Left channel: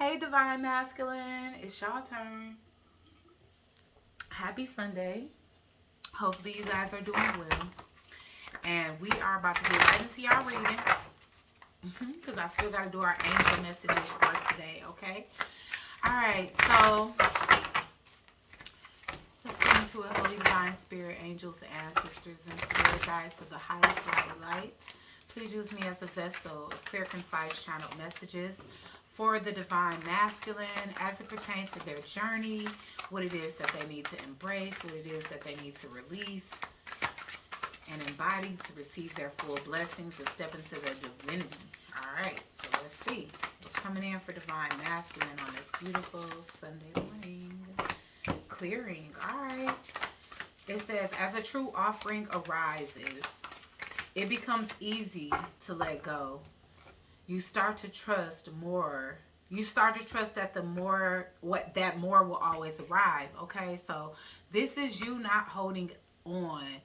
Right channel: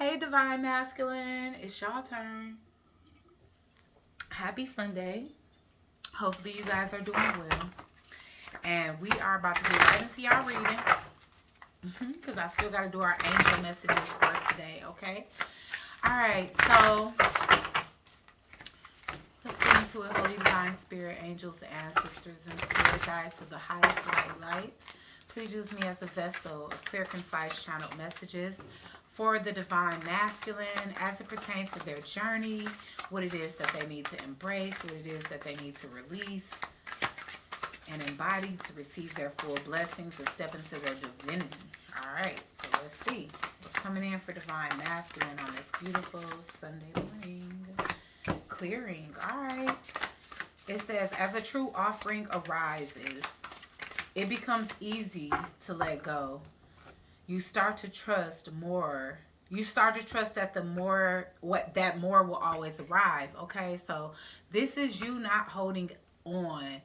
Hey, Divine Masculine, it's y'all turn. Happy Sunday. Hopefully, you guys are doing well. And we are about to get right into y'all reading because I still got to do our angel messages for today, okay? All right, so let's get into it. Holy Divine Spirit, angels, ancestors, and spirit guides of the highest light. Please use me as a vessel of clear, concise, channeled messages for the divine masculine as it pertains to their journey, what it is that they need to embrace, what it is that they need to release and embody to receive their full blessings and step into their divinity. All right, so let's see what's coming in for divine masculine on this beautiful Sunday morning. Clearing. All right. It says, as a true offering arises, it becomes easy to let go. You start to trust more. You start to trust that more will always arrive. Okay, so this is you not holding on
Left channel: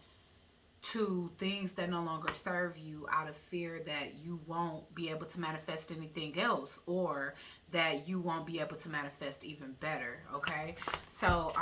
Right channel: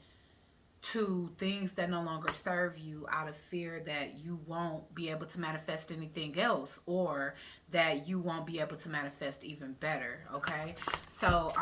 to things that no longer serve you out of fear that you won't be able to manifest anything else, or that you won't be able to manifest even better. Okay, so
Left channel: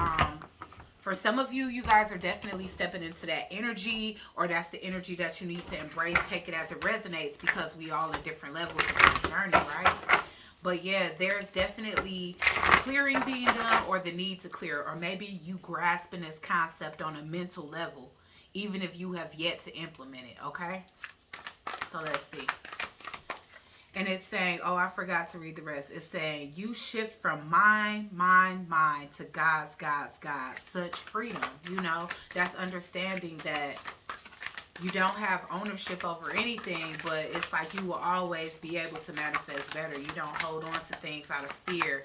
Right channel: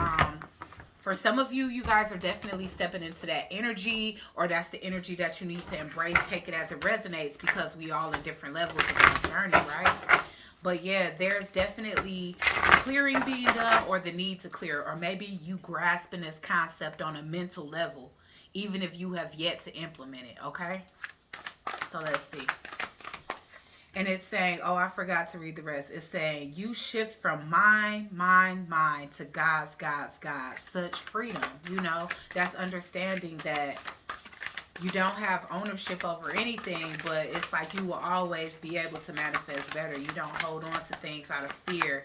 for some of you, you guys are definitely stepping into that energy, or that's the energy that you need to embrace. Take it as it resonates, because we all in different levels of this journey, right? But yeah, there's definitely clearing being done, or the need to clear, or maybe you grasping this concept on a mental level, even if you have yet to implement it, okay? So let's see. And it's saying, oh, I forgot to read the rest. It's saying, you shift from mine, to God's, God. Such freedom, that's understanding that you don't have ownership over anything, but it's like you will always be able to manifest better. You don't hold on to things out of fear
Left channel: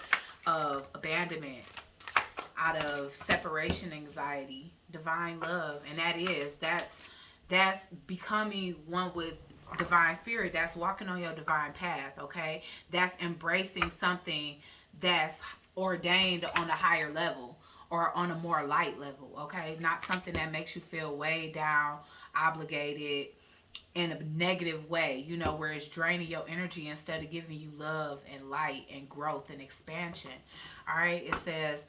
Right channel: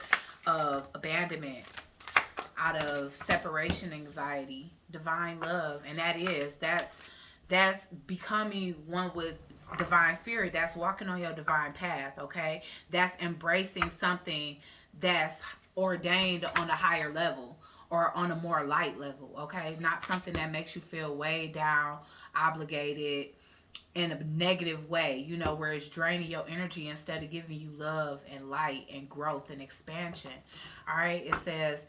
of abandonment, out of separation anxiety, divine love. And that's becoming one with divine spirit. That's walking on your divine path, okay? That's embracing something that's ordained on a higher level, or on a more light level, okay? Not something that makes you feel way down, obligated, in a negative way, where it's draining your energy instead of giving you love and light and growth and expansion. All right, it says,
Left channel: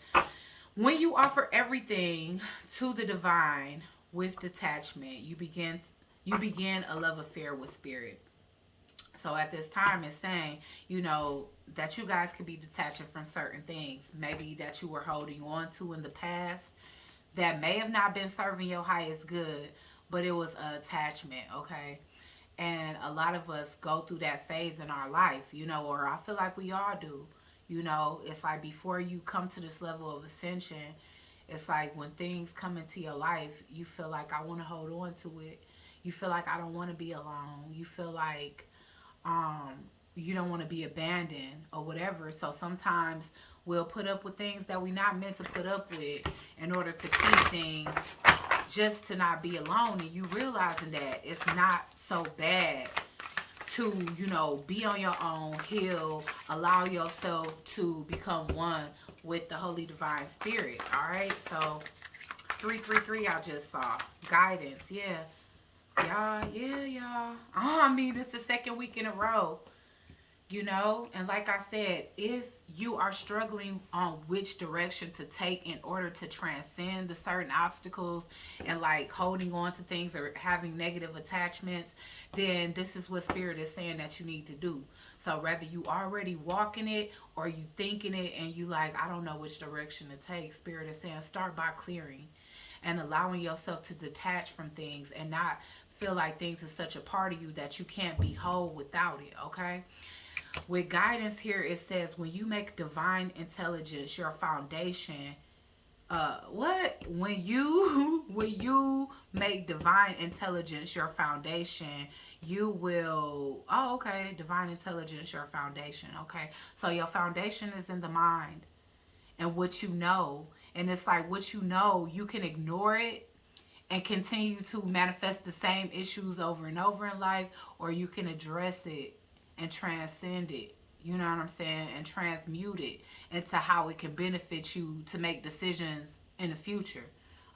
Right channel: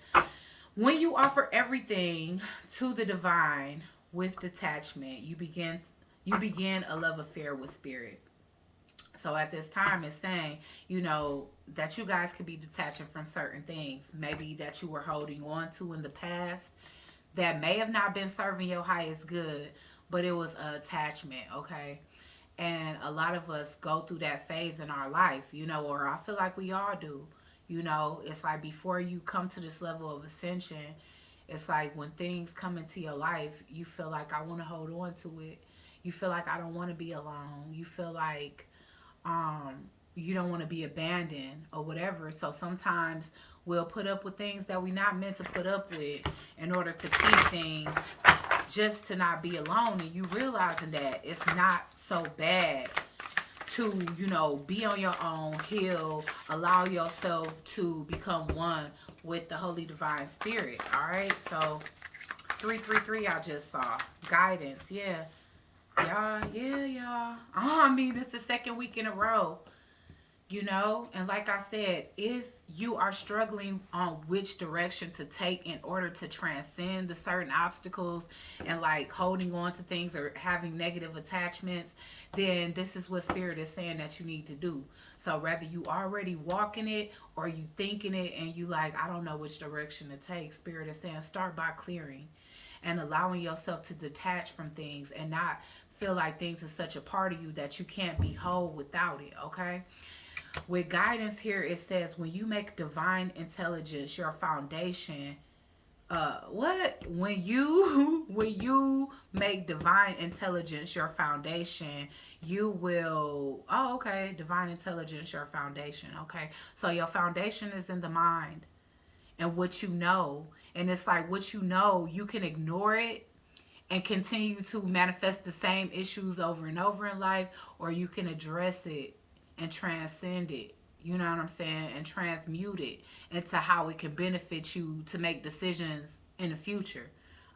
when you offer everything to the divine with detachment, you begin a love affair with spirit. So at this time, it's saying, that you guys could be detaching from certain things, maybe that you were holding on to in the past that may have not been serving your highest good, but it was an attachment, okay? And a lot of us go through that phase in our life, or I feel like we all do. It's like before you come to this level of ascension, it's like when things come into your life, you feel like I want to hold on to it. You feel like I don't want to be alone. You feel like um, you don't want to be abandoned or whatever. So sometimes we'll put up with things that we're not meant to put up with in order to keep things, just to not be alone. And you realizing that it's not so bad to, be on your own, heal, allow yourself to become one with the Holy Divine Spirit. All right, so 333 I just saw. Guidance, yeah. Y'all. Oh, I mean, it's the second week in a row, and like I said, if you are struggling on which direction to take in order to transcend the certain obstacles and like holding on to things or having negative attachments, then this is what spirit is saying that you need to do. So whether you already walking it or you thinking it and you like, I don't know which direction to take, spirit is saying start by clearing and allowing yourself to detach from things and not feel like things are such a part of you that you can't be whole without it, okay? With guidance here, it says when you make divine intelligence your foundation, what? When you make divine intelligence your foundation, you will, oh, okay, divine intelligence your foundation, okay? So your foundation is in the mind and what you know. And it's like what you can ignore it and continue to manifest the same issues over and over in life, or you can address it and transcend it. You know what I'm saying? And transmute it into how it can benefit you to make decisions in the future.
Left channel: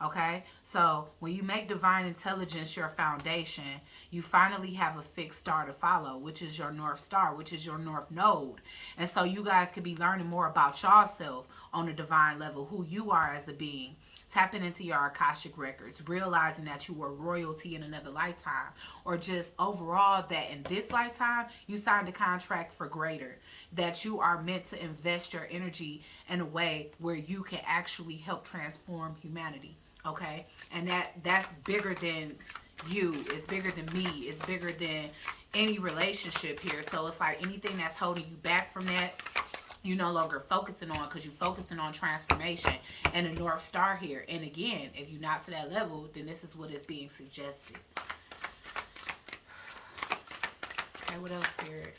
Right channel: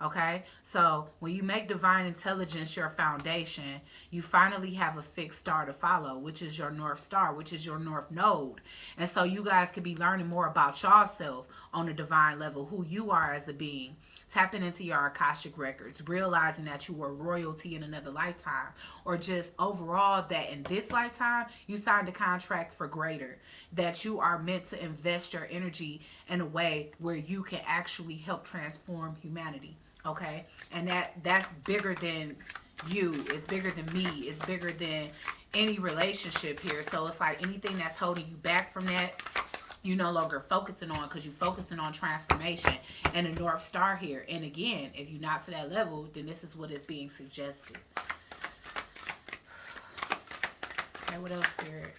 Okay, so when you make divine intelligence your foundation, you finally have a fixed star to follow, which is your North Star, which is your North Node. And so you guys could be learning more about yourself on a divine level, who you are as a being, tapping into your Akashic records, realizing that you were royalty in another lifetime, or just overall that in this lifetime you signed a contract for greater, that you are meant to invest your energy in a way where you can actually help transform humanity. Okay, and that's bigger than you, it's bigger than me, it's bigger than any relationship here. So it's like anything that's holding you back from that, you no longer focusing on, because you're focusing on transformation and a North Star here. And again, if you're not to that level, then this is what is being suggested. Okay, what else, Spirit?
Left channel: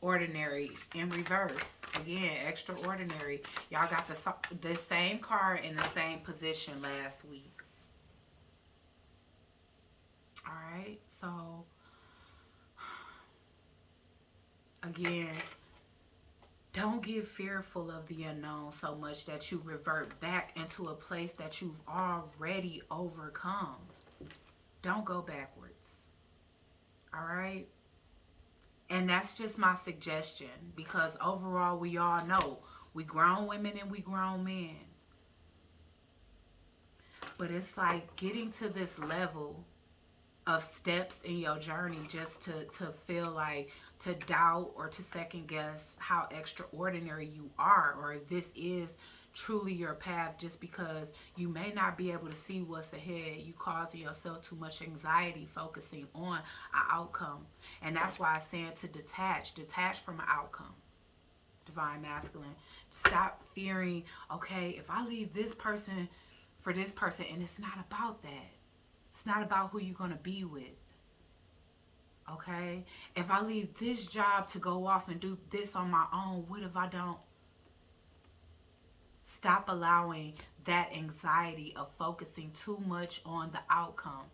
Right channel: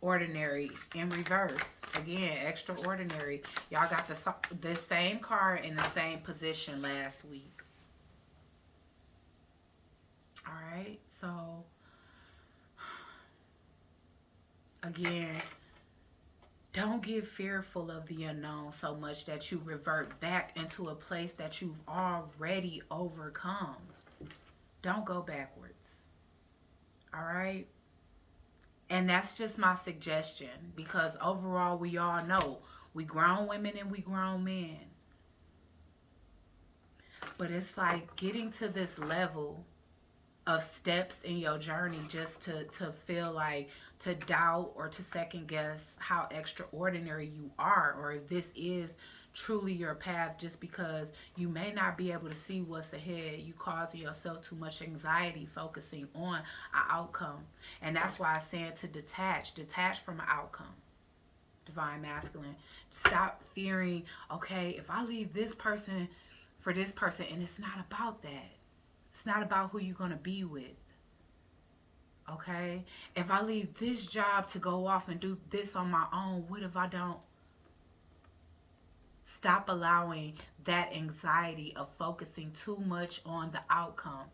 Ordinary in reverse. Again, extraordinary. Y'all got the same card in the same position last week. Alright, so again, don't get fearful of the unknown so much that you revert back into a place that you've already overcome. Don't go backwards. Alright? And that's just my suggestion, because overall we all know we grown women and we grown men. But it's like getting to this level of steps in your journey just to feel like, to doubt or to second guess how extraordinary you are, or if this is truly your path, just because you may not be able to see what's ahead. You causing yourself too much anxiety focusing on an outcome. And that's why I'm saying to detach from an outcome. Divine Masculine, stop fearing, okay, if I leave this person for this person, and it's not about that. It's not about who you're going to be with. Okay, if I leave this job to go off and do this on my own, what if I don't? Stop allowing that anxiety of focusing too much on the outcome.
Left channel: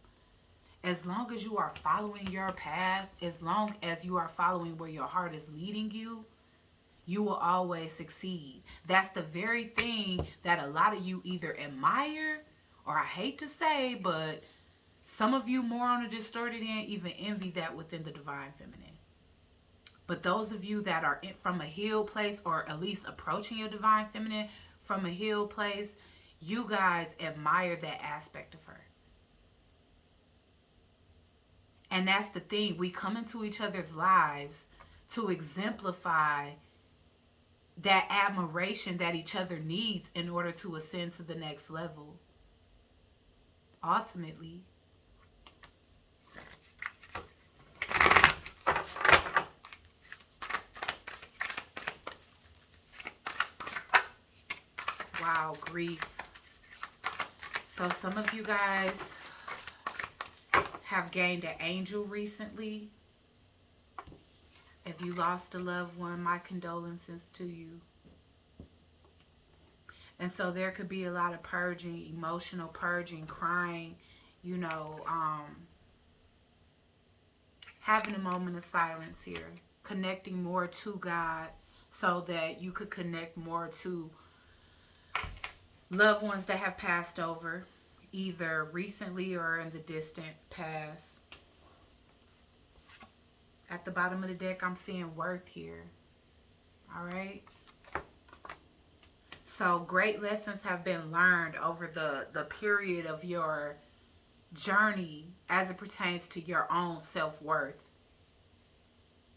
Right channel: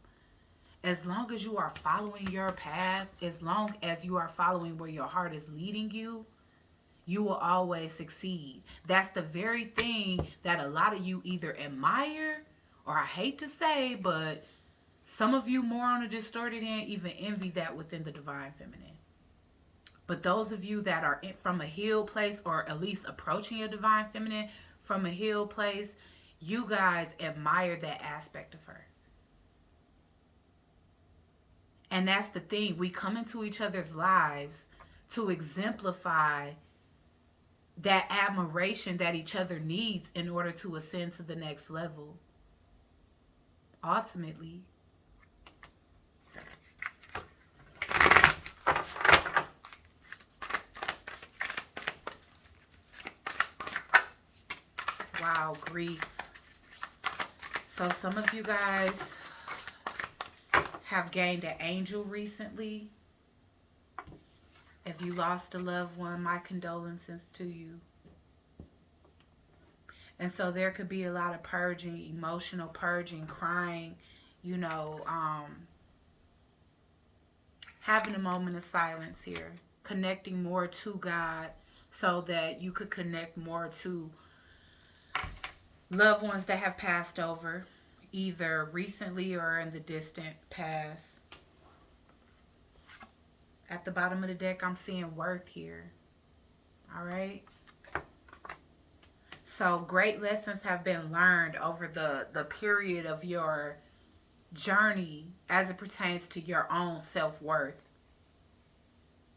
As long as you are following your path, as long as you are following where your heart is leading you, you will always succeed. That's the very thing that a lot of you either admire, or I hate to say, but some of you more on a distorted end even envy that within the Divine Feminine. But those of you that are from a healed place, or at least approaching your Divine Feminine from a healed place, you guys admire that aspect of her. And that's the thing. We come into each other's lives to exemplify that admiration that each other needs in order to ascend to the next level. Ultimately. Wow, grief. So some of you guys have gained an angel recently. If you lost a loved one, my condolences to you. And so there could be a lot of purging, emotional purging, crying, you know, having a moment of silence here, connecting more to God so that you could connect more to loved ones that have passed over, either recently or in the distant past. At the bottom of the deck, I'm seeing worth here. All right. So great lessons have been learned over the period of your journey as it pertains to your own self-worth.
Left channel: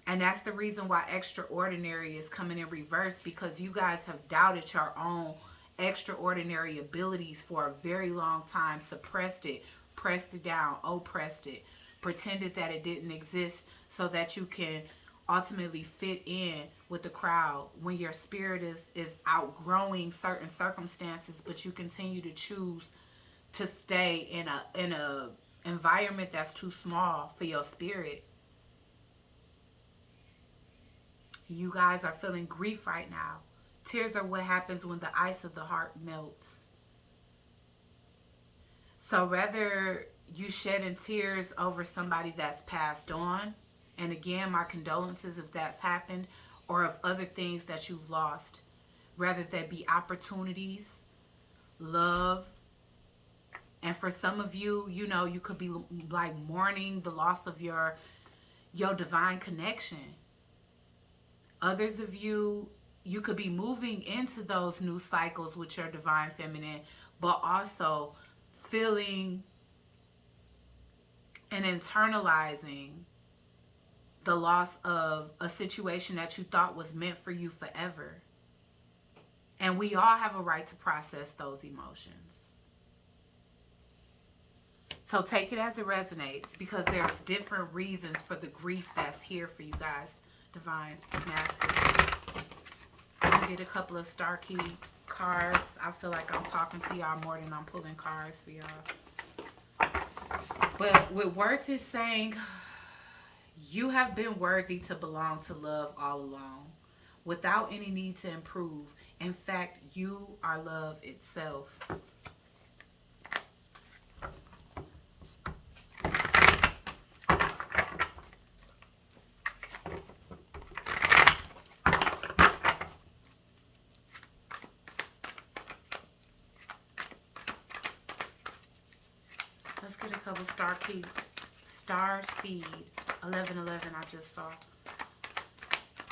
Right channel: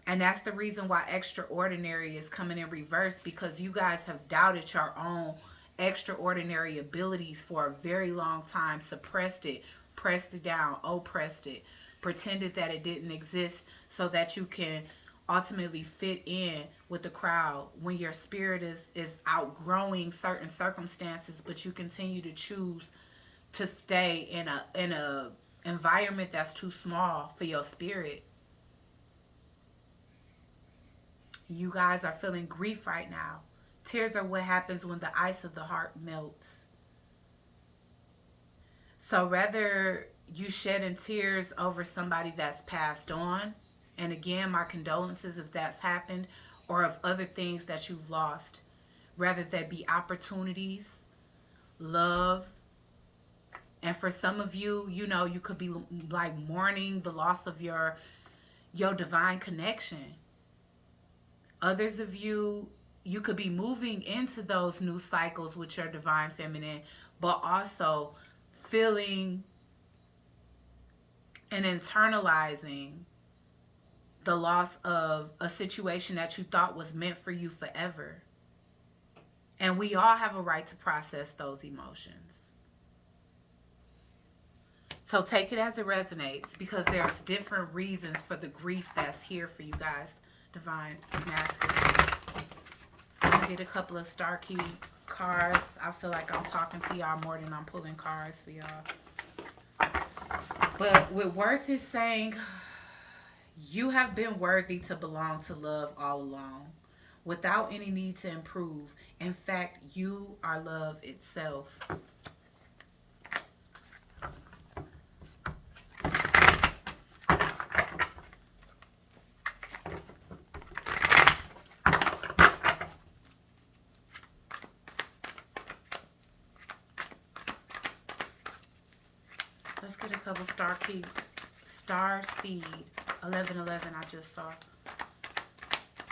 And that's the reason why extraordinary is coming in reverse, because you guys have doubted your own extraordinary abilities for a very long time, suppressed it, pressed it down, oppressed it, pretended that it didn't exist so that you can ultimately fit in with the crowd when your spirit is outgrowing certain circumstances, but you continue to choose to stay in a environment that's too small for your spirit. You guys are feeling grief right now. Tears are what happens when the ice of the heart melts. So rather you shedding tears over somebody that's passed on, and again, my condolences if that's happened, or of other things that you've lost, rather there be opportunities love. And for some of you, you know, you could be like mourning the loss of your divine connection. Others of you, you could be moving into those new cycles with your divine feminine, but also feeling and internalizing the loss of a situation that you thought was meant for you forever. And we all have a right to process those emotions. So take it as it resonates, because there's different reasons for the grief that's here for you guys, divine masculine. I'm going to get a couple of star key cards. I feel like I'm talking to y'all more than I'm pulling cards for y'all. But what worth is saying, you have been worthy to belong to love all along, without any need to improve. In fact, you are love itself. Let's get a couple star seed 1111. I just saw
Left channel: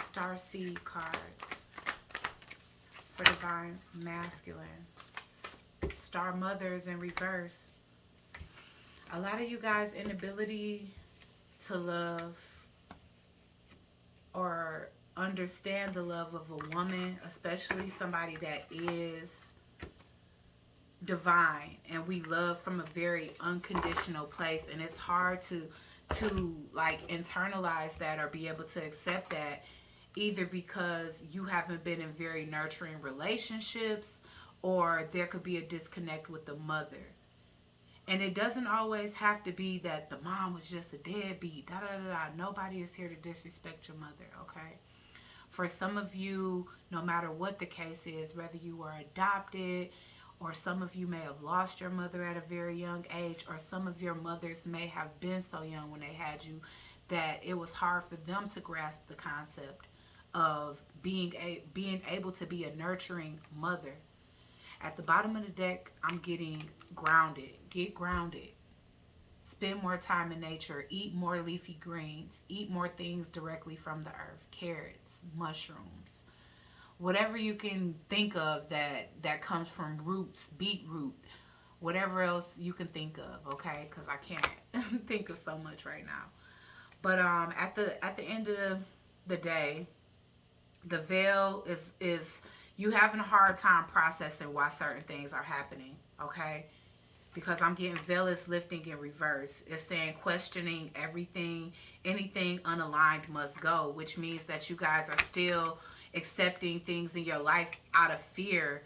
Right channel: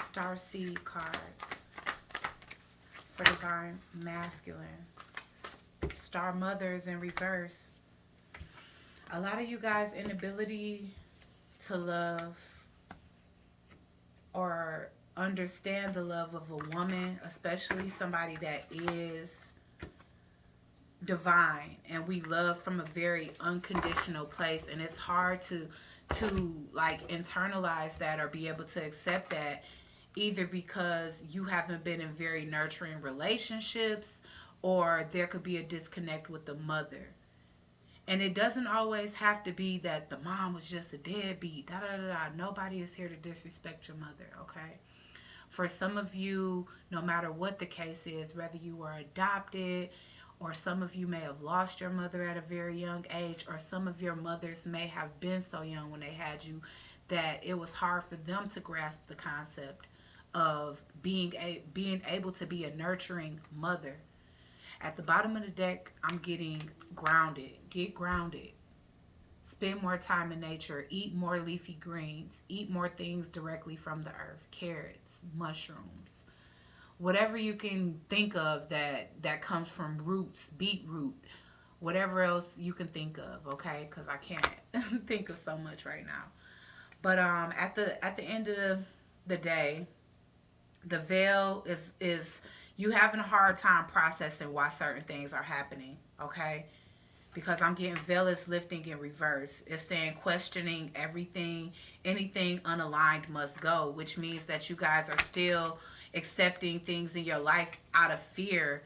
star seed cards for divine masculine. Star mothers in reverse. A lot of you guys' inability to love or understand the love of a woman, especially somebody that is divine, and we love from a very unconditional place, and it's hard to like internalize that or be able to accept that, either because you haven't been in very nurturing relationships, or there could be a disconnect with the mother. And it doesn't always have to be that the mom was just a deadbeat. Da, da, da, da. Nobody is here to disrespect your mother, okay? For some of you, no matter what the case is, whether you were adopted, or some of you may have lost your mother at a very young age, or some of your mothers may have been so young when they had you that it was hard for them to grasp the concept of being able to be a nurturing mother. At the bottom of the deck, I'm getting grounded. Get grounded. Spend more time in nature. Eat more leafy greens. Eat more things directly from the earth. Carrots, mushrooms. Whatever you can think of that comes from roots, beetroot, whatever else you can think of, okay? Because I can't think of so much right now. But at the end of the day, the veil is you having a hard time processing why certain things are happening, okay? Because I'm getting veil is lifting in reverse. It's saying questioning everything, anything unaligned must go, which means that you guys are still accepting things in your life out of fear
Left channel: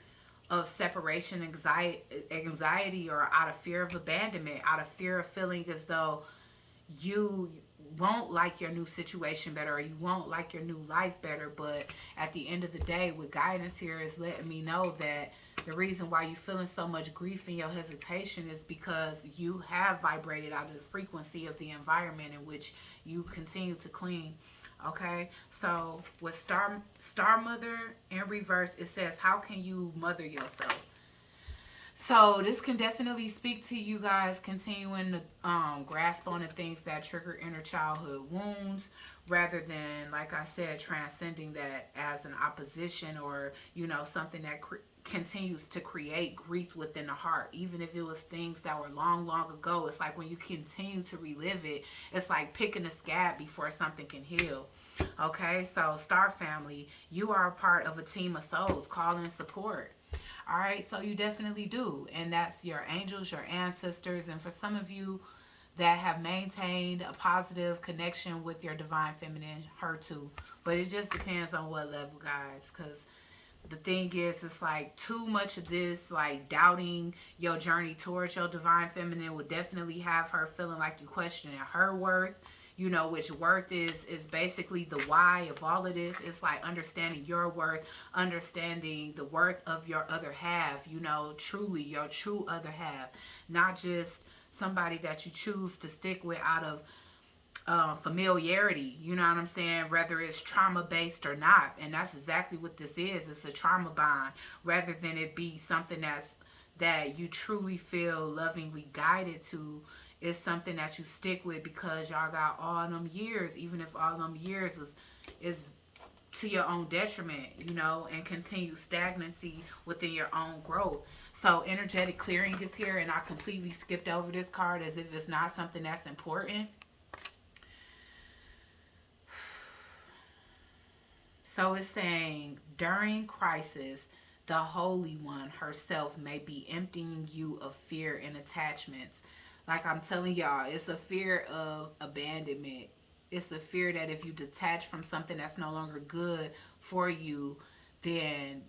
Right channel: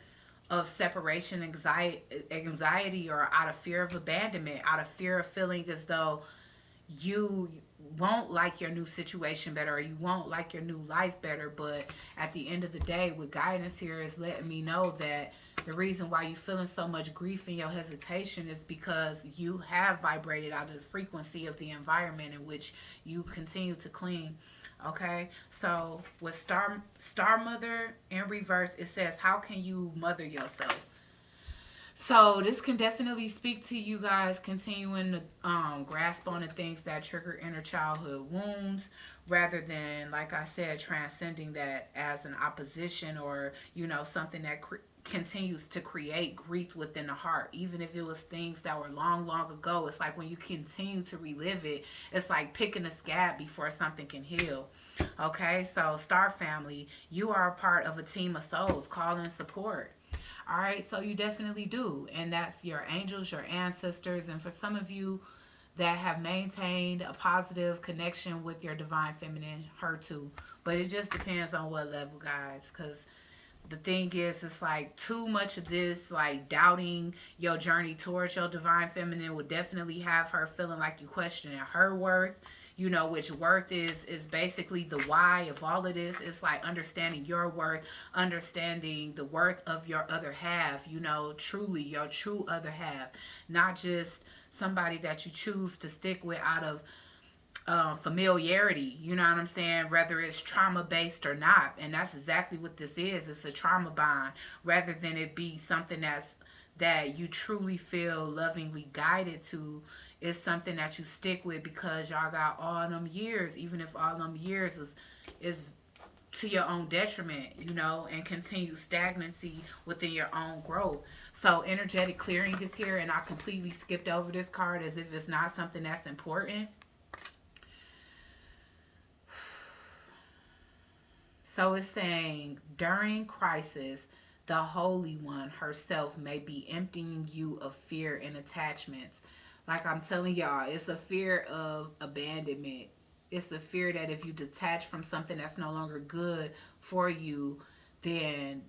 of separation anxiety, or out of fear of abandonment, out of fear of feeling as though you won't like your new situation better, or you won't like your new life better. But at the end of the day, what guidance here is letting me know that the reason why you're feeling so much grief and your hesitation is because you have vibrated out of the frequency of the environment in which you continue to cling. Okay, so with star mother in reverse, it says, how can you mother yourself? So this can definitely speak to you guys continuing to grasp on the things that trigger inner childhood wounds, rather than, like I said, transcending that as an opposition, or, you know, something that continues to create grief within the heart. Even if it was things that were long, long ago, it's like when you continue to relive it, it's like picking a scab before something can heal. Okay, so star family, you are a part of a team of souls. Call in support. All right, so you definitely do. And that's your angels, your ancestors. And for some of you that have maintained a positive connection with your divine feminine, her too. But it just depends on what level, guys. Because the thing is, it's like too much of this, like doubting your journey towards your divine feminine would definitely have her feeling like you questioning her worth. You know, which worth is basically the why of all of this. It's like understanding your worth, understanding the worth of your other half, you know, truly your true other half. Not just somebody that you choose to stick with out of familiarity, you know what I'm saying, whether it's trauma based or not. And that's exactly what this is. It's a trauma bond, rather than it be something that you truly feel lovingly guided to is something that you stick with, because y'all got all them years, even if all them years is to your own detriment, you know, and continue stagnancy within your own growth. So energetic clearing is here, and I completely skipped over this card as if it's not something that's important. So it's saying during crisis, the Holy One herself may be emptying you of fear and attachments. Like I'm telling y'all, it's a fear of abandonment. It's a fear that if you detach from something that's no longer good for you, then,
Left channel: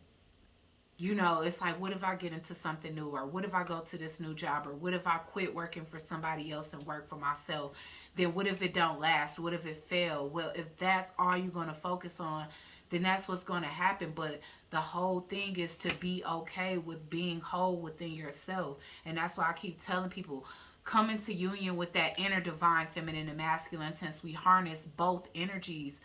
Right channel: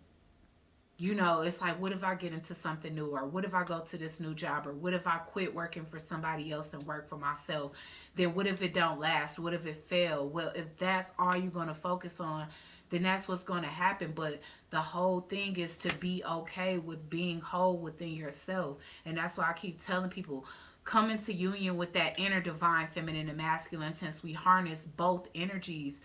you know, it's like, what if I get into something new? Or what if I go to this new job? Or what if I quit working for somebody else and work for myself? Then what if it don't last? What if it fail? Well, if that's all you're going to focus on, then that's what's going to happen. But the whole thing is to be okay with being whole within yourself. And that's why I keep telling people, come into union with that inner divine feminine and masculine, since we harness both energies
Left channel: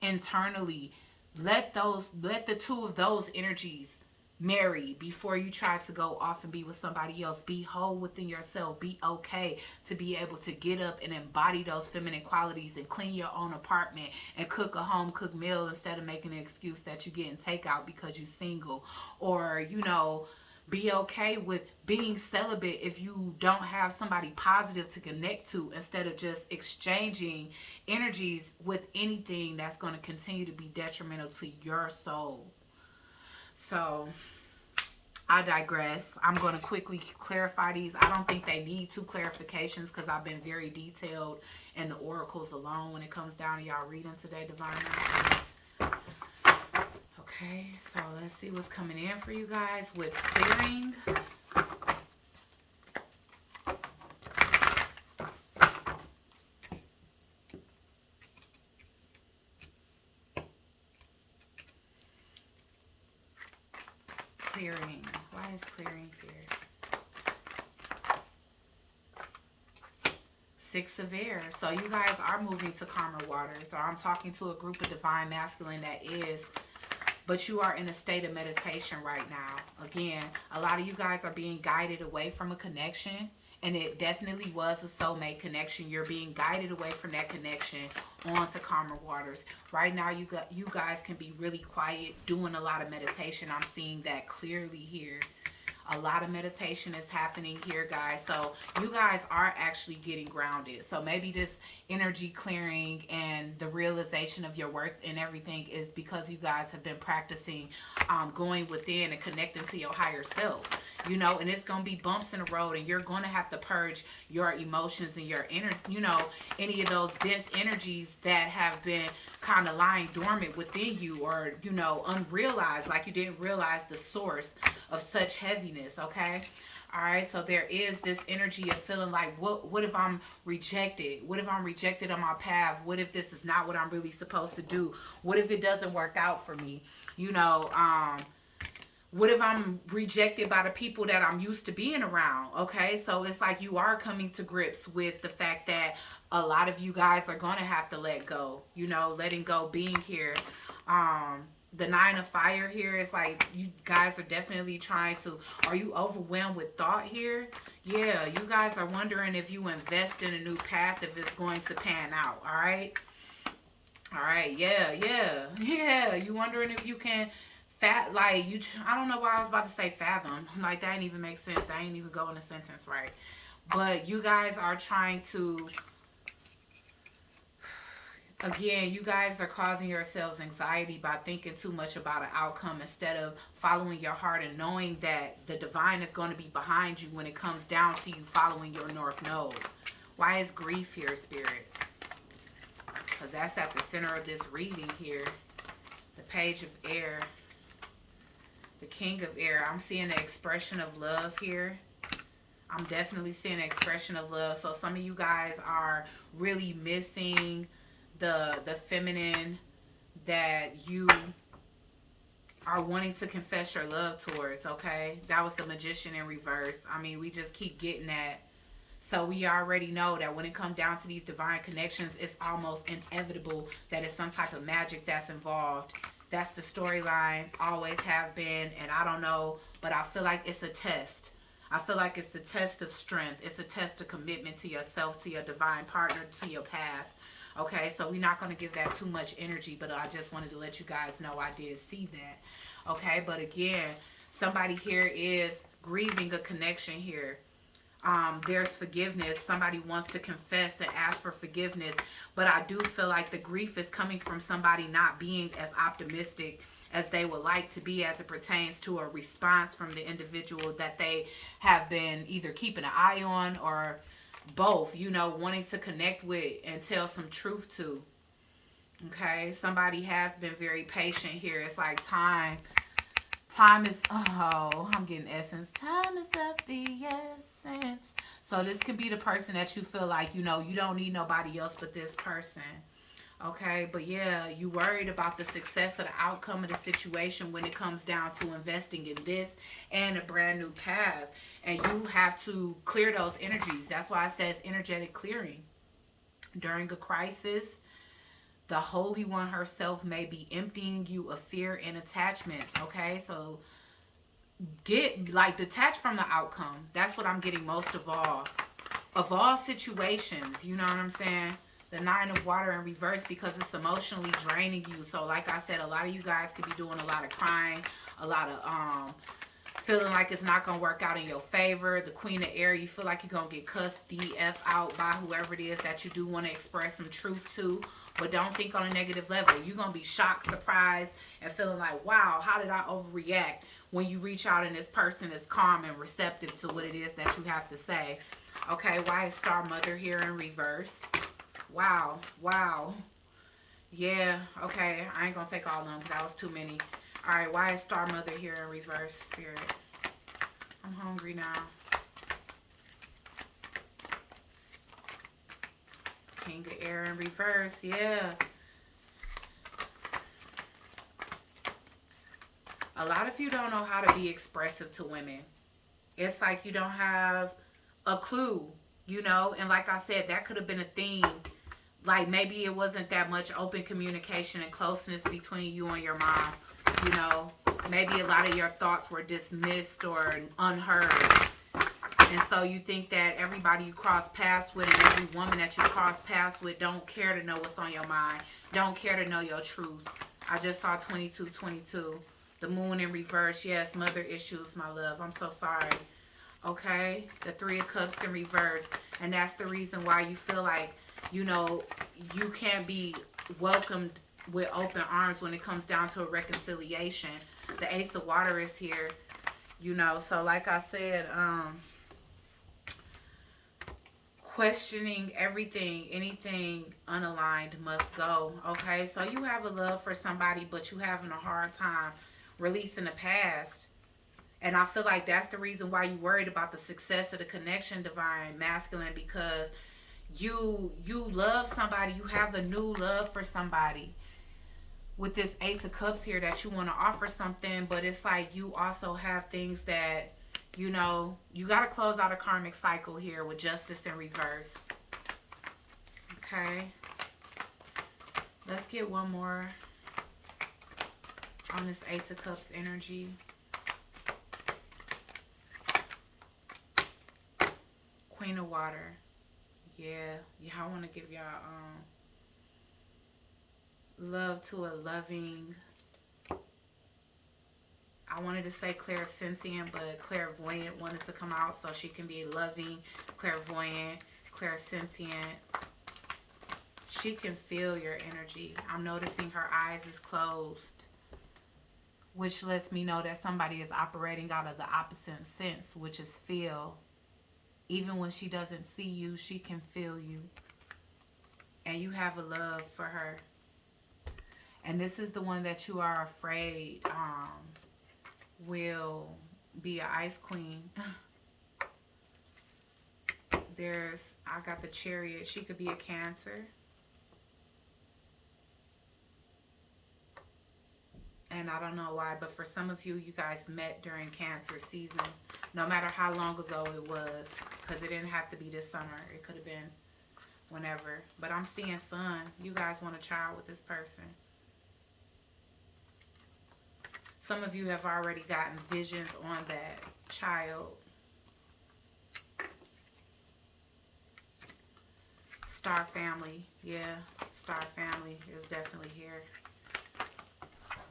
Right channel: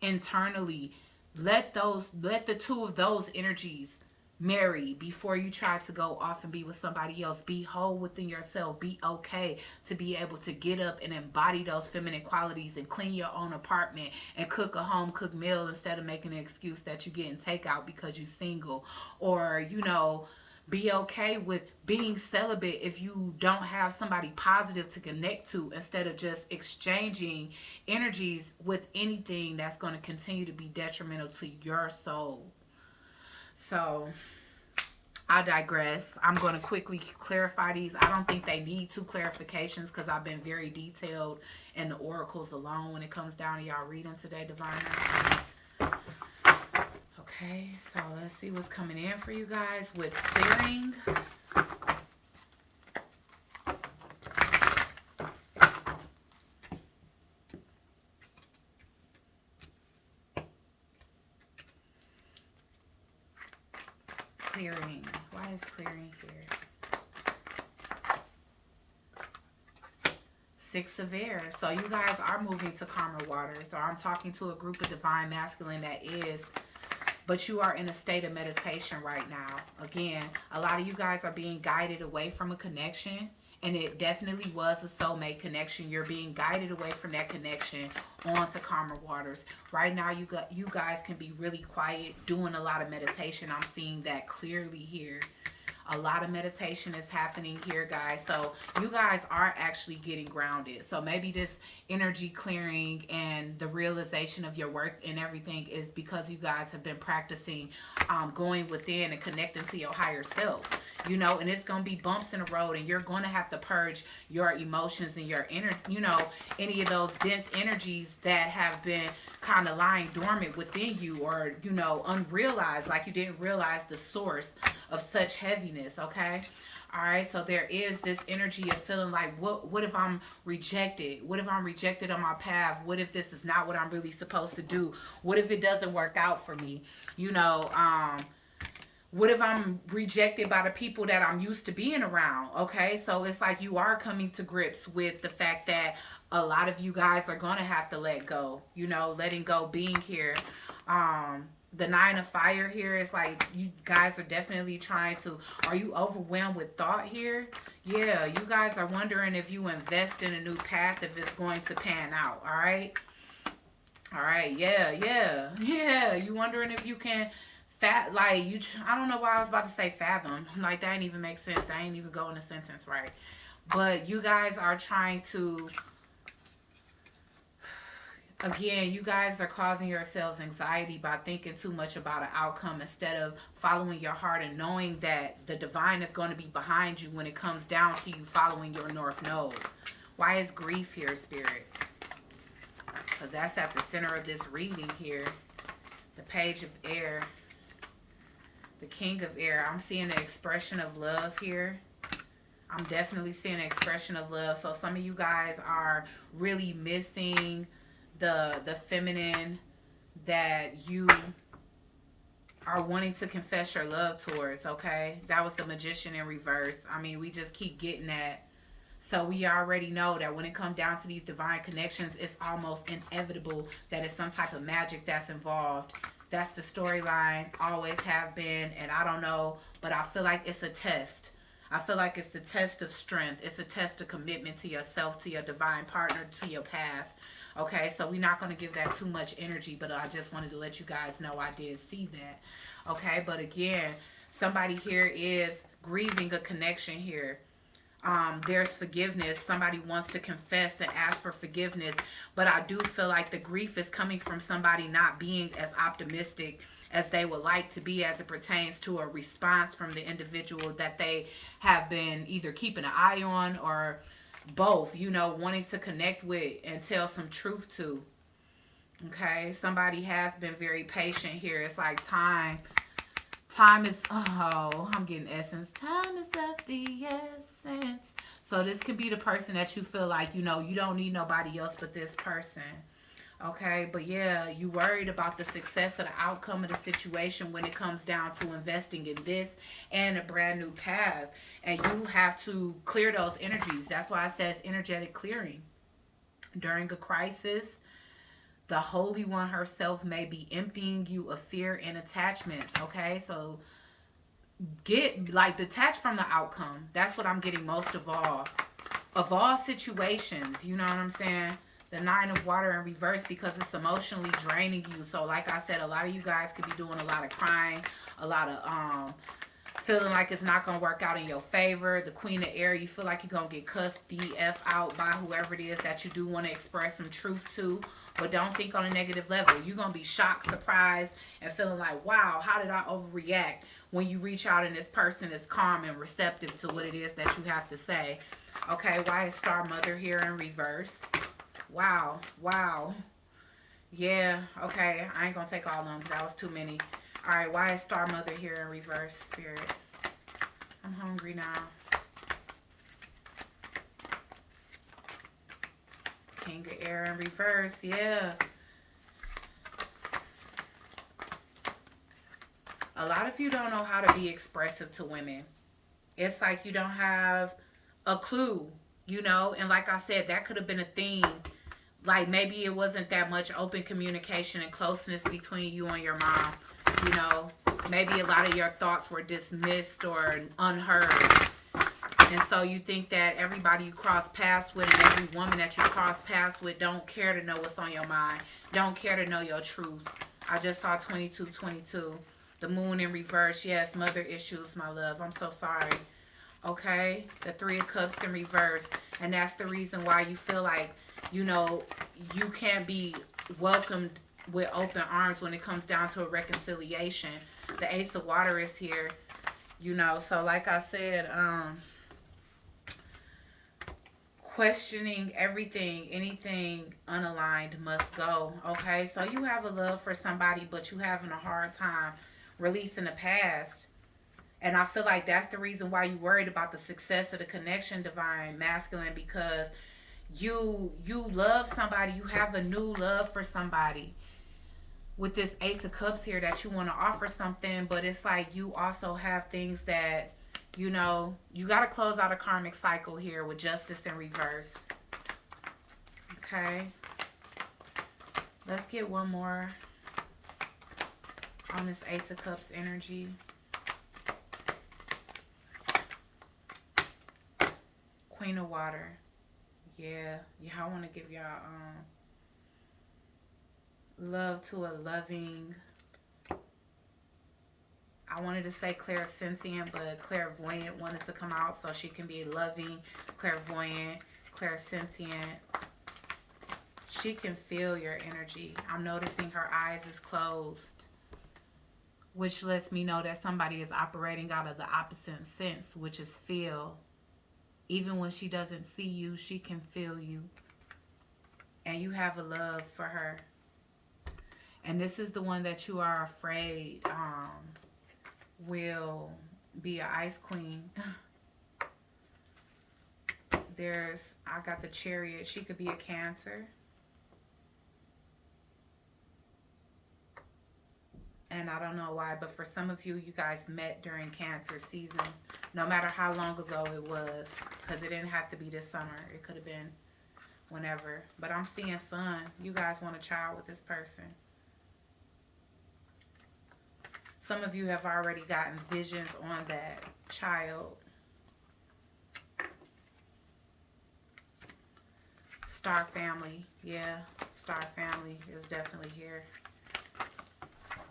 internally. Let the two of those energies marry before you try to go off and be with somebody else. Be whole within yourself. Be okay to be able to get up and embody those feminine qualities and clean your own apartment and cook a home cooked meal instead of making an excuse that you're getting takeout because you're single. Or, you know, be okay with being celibate if you don't have somebody positive to connect to, instead of just exchanging energies with anything that's going to continue to be detrimental to your soul. So I digress. I'm going to quickly clarify these. I don't think they need two clarifications because I've been very detailed in the oracles alone when it comes down to y'all reading today, Divine. Okay, so let's see what's coming in for you guys with clearing. Clearing. Why is clearing here? Six of Air. So you guys are moving to calmer waters, or I'm talking to a group of divine masculine that is, but you are in a state of meditation right now. Again, a lot of you guys are being guided away from a connection, and it definitely was a soulmate connection. You're being guided away from that connection onto calmer waters. Right now, you guys can be really quiet, doing a lot of meditation. I'm seeing that clearly here. A lot of meditation is happening here, guys. So you guys are actually getting grounded. So maybe this energy clearing and the realization of your worth and everything is because you guys have been practicing going within and connecting to your higher self. You know, and it's going to be bumps in the road, and you're going to have to purge your emotions and your inner, you know, any of those dense energies that have been kind of lying dormant within you, or, you know, unrealized, like you didn't realize the source of such heaviness. Okay. All right. So there is this energy of feeling like, what if I'm rejected? What if I'm rejected on my path? What if this is not what I'm really supposed to do? What if it doesn't work out for me? You know, what if I'm rejected by the people that I'm used to being around? Okay, so it's like you are coming to grips with the fact that a lot of you guys are going to have to let go. You know, letting go, being here. The Nine of Fire here is like you guys are definitely trying to... Are you overwhelmed with thought here? Yeah, you guys are wondering if you invest in a new path, if it's going to pan out. All right? All right, yeah. You wondering if you can... I don't know why I was about to say fathom. Like, that didn't even make sense. That ain't even go in a sentence right. But you guys are trying to... Again, you guys are causing yourselves anxiety by thinking too much about an outcome instead of following your heart and knowing that the divine is going to be behind you when it comes down to you following your North Node. Why is grief here, Spirit? Because that's at the center of this reading here. The Page of Air. The King of Air. I'm seeing an expression of love here. I'm definitely seeing an expression of love. So some of you guys are really missing the feminine that you are wanting to confess your love towards, okay? That was the Magician in reverse. I mean, we just keep getting that. So we already know that when it comes down to these divine connections, it's almost inevitable that it's some type of magic that's involved. That's the storyline, always have been, and I don't know, but I feel like it's a test. I feel like it's a test of strength. It's a test of commitment to yourself, to your divine partner, to your path. Okay, so we're not going to give that too much energy, but I just wanted to let you guys know I did see that. Okay, but again, somebody here is grieving a connection here. There's forgiveness. Somebody wants to confess and ask for forgiveness, but I do feel like the grief is coming from somebody not being as optimistic as they would like to be as it pertains to a response from the individual that they have been either keeping an eye on or both, you know, wanting to connect with and tell some truth to. Okay, somebody has been very patient here. It's like time is, oh, I'm getting essence. Time is of the essence. So this could be the person that you feel like, you know, you don't need nobody else but this person. Okay, but yeah, you worried about the success of the outcome of the situation when it comes down to investing in this and a brand new path. And you have to clear those energies. That's why it says energetic clearing. During a crisis, the Holy One herself may be emptying you of fear and attachments. Okay, so get, like, detached from the outcome. That's what I'm getting most of all. Of all situations, you know what I'm saying? The Nine of Water in reverse, because it's emotionally draining you. So like I said, a lot of you guys could be doing a lot of crying, a lot of feeling like it's not going to work out in your favor. The Queen of Air, you feel like you're going to get cussed the F out by whoever it is that you do want to express some truth to. But don't think on a negative level. You're going to be shocked, surprised, and feeling like, wow, how did I overreact? When you reach out and this person is calm and receptive to what it is that you have to say. Okay, why is Star Mother here in reverse? Wow, wow. Yeah, okay. I ain't going to take all of them because that was too many. All right, why is Star Mother here in reverse, Spirit? I'm hungry now. King of Air in reverse, yeah. A lot of you don't know how to be expressive to women. It's like you don't have a clue, you know? And like I said, that could have been a theme. Like maybe it wasn't that much open communication and closeness between you and your mom, you know? Maybe a lot of your thoughts were dismissed or unheard. And so you think that everybody you cross paths with and every woman that you cross paths with don't care to know what's on your mind, don't care to know your truth. I just saw 2222. The Moon in reverse. Yes, mother issues, my love. I'm so sorry. Okay? The Three of Cups in reverse. And that's the reason why you feel like, you know, you can't be welcomed with open arms when it comes down to a reconciliation. The Ace of Water is here. You know, so like I said, questioning everything, anything unaligned must go. Okay? So you have a love for somebody, but you having a hard time releasing the past. And I feel like that's the reason why you worried about the success of the connection, Divine Masculine, because you love somebody, you have a new love for somebody with this Ace of Cups here that you want to offer something, but it's like you also have things that, you know, you got to close out a karmic cycle here with Justice in reverse. Okay, let's get one more on this Ace of Cups energy. Queen of Water. Yeah, I want to give y'all love to a loving, I wanted to say clairsentient, but clairvoyant wanted to come out, so she can be loving, clairvoyant, clairsentient. She can feel your energy. I'm noticing her eyes is closed, which lets me know that somebody is operating out of the opposite sense, which is feel. Even when she doesn't see you, she can feel you. And you have a love for her. And this is the one that you are afraid will be an ice queen. I got the Chariot. She could be a Cancer. And I don't know why, but for some of you, you guys met during Cancer season. No matter how long ago it was. Because it didn't have to be this summer. It could have been whenever. But I'm seeing Sun. You guys want a child with this person. Some of you have already gotten visions on that child. Star family. Yeah, star family is definitely here.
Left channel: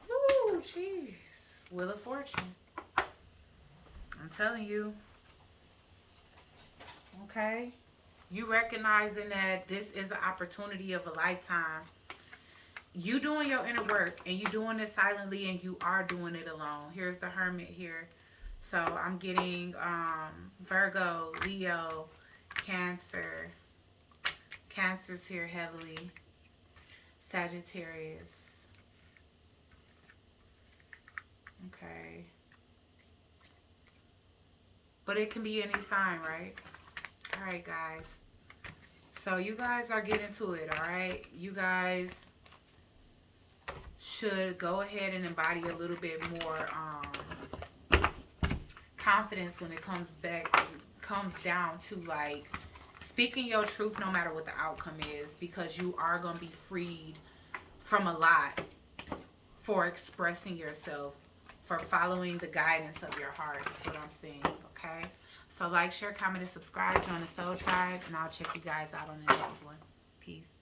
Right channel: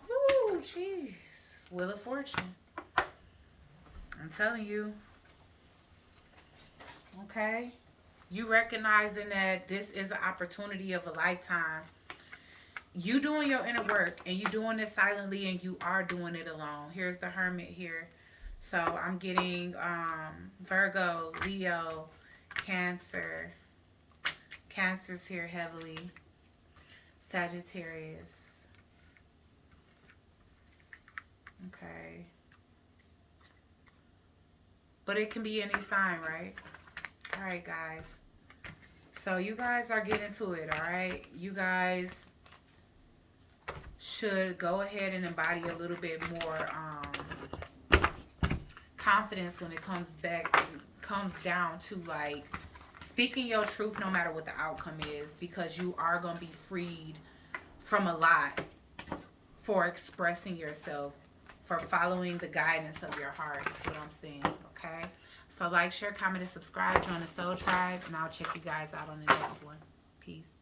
Woo, jeez. Wheel of Fortune. I'm telling you. Okay? You recognizing that this is an opportunity of a lifetime. You doing your inner work, and you doing it silently, and you are doing it alone. Here's the Hermit here. So I'm getting Virgo, Leo, Cancer. Cancer's here heavily. Sagittarius. Okay. But it can be any sign, right? Alright, guys. So you guys are getting to it, alright? You guys should go ahead and embody a little bit more confidence when it comes down to like speaking your truth no matter what the outcome is, because you are going to be freed from a lot for expressing yourself, for following the guidance of your heart. That's what I'm saying, okay? So like, share, comment, and subscribe. Join the Soul Tribe, and I'll check you guys out on the next one. Peace.